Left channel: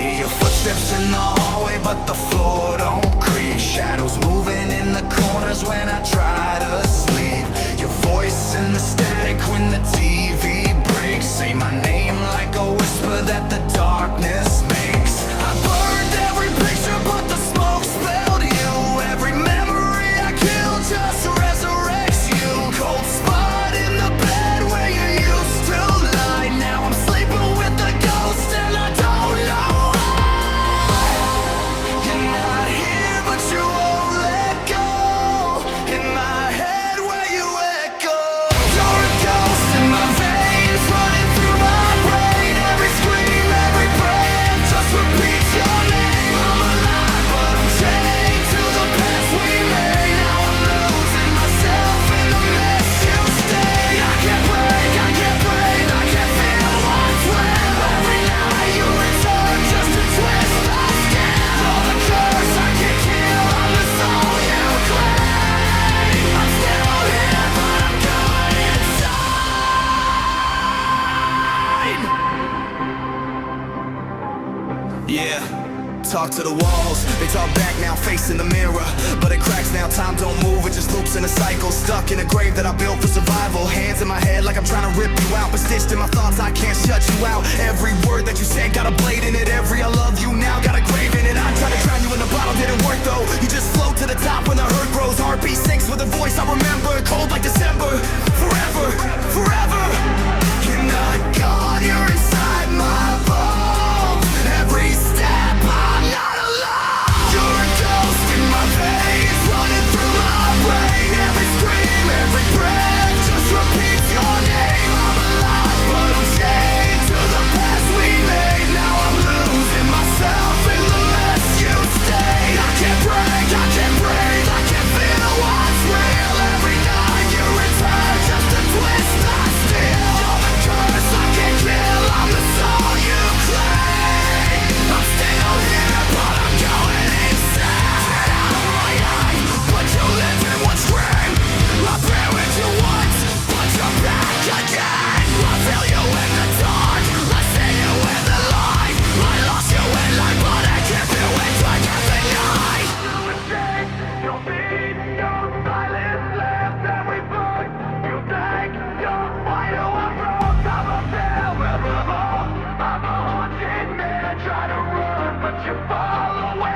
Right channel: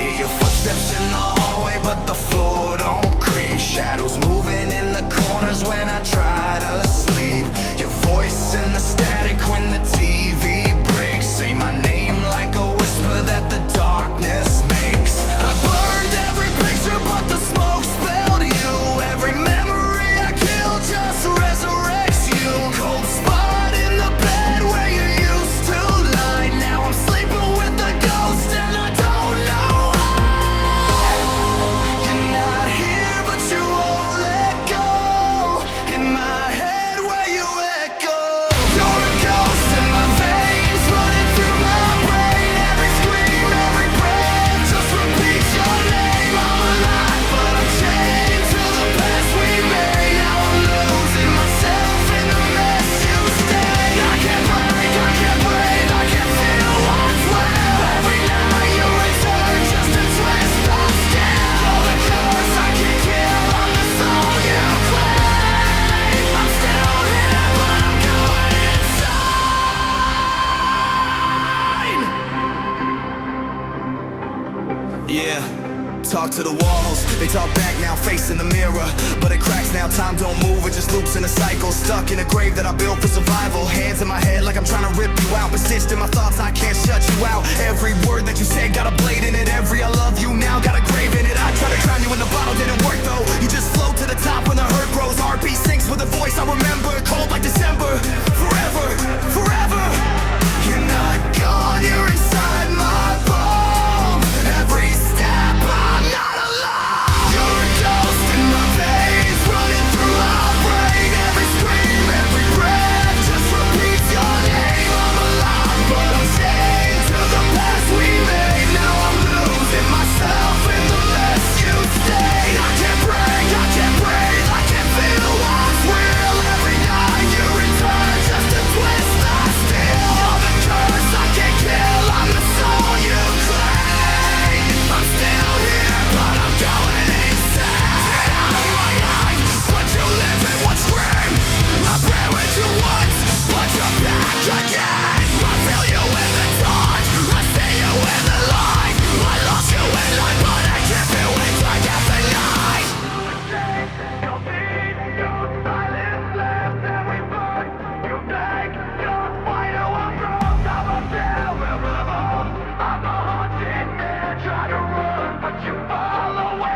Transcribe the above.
Hear your footsteps in the hallway, but the floor don't creak. Shadows moving in the corners when I try to sleep. Your voice in the static when the TV breaks. Say my name like a whisper that the darkness makes. I burned every picture, but the smoke spilled you. Every memory I killed just resurrects you. Cold spot in the bed where you used to lie. Now I'm sleeping with the ghost and I don't know why. You're not here, but you won't let go. In my head where you echo. You're a ghost in my veins, running through my brain. Every scream, every breath just repeats your name. I'm alive, but I'm chained to the past we made. Now I'm losing myself in the mess you stay. I can't break, I can't breathe, I can't feel what's real. Every night you return just to twist the scale. You're the curse I can't kill, I'm the soul you claim. I'm still here, but I'm going insane. Yeah. Talk to the walls, they talk back now, facing the mirror. But it cracks now, time don't move, it just loops in a cycle. Stuck in a grave that I built for survival. Hands in my head like I'm trying to rip you out, but stitched in my thoughts, I can't shut you out. Every word that you said got a blade in it. Every I love you now got a grave in it. I tried to drown you in the bottle, didn't work though. You just float to the top when the hurt grows. Heartbeat sinks with a voice I remember. Cold like December, forever, forever. You're not gone, you're inside my bones. Every step I'm not alone. You're a ghost in my veins, running through my brain. Every scream, every breath just repeats your name. I'm alive, but I'm chained to the past we made. Now I'm losing myself in the mess you stayed. I can't break, I can't breathe, I can't feel what's real. Every night you return just to twist the steel. You're the curse I can't kill, I'm the soul you claim. I'm still here, but I'm going insane. Get out of my eyes, but you live in one scream. I pray with you once, but you're back again. I feel you in the dark, I see you in the light. I lost you in life, but I keep you in dark every night. Your feet, your silence left every foot you take. Your fight to a cross, I'm a failure revolt. I'm a haunted man, try to run, but you follow.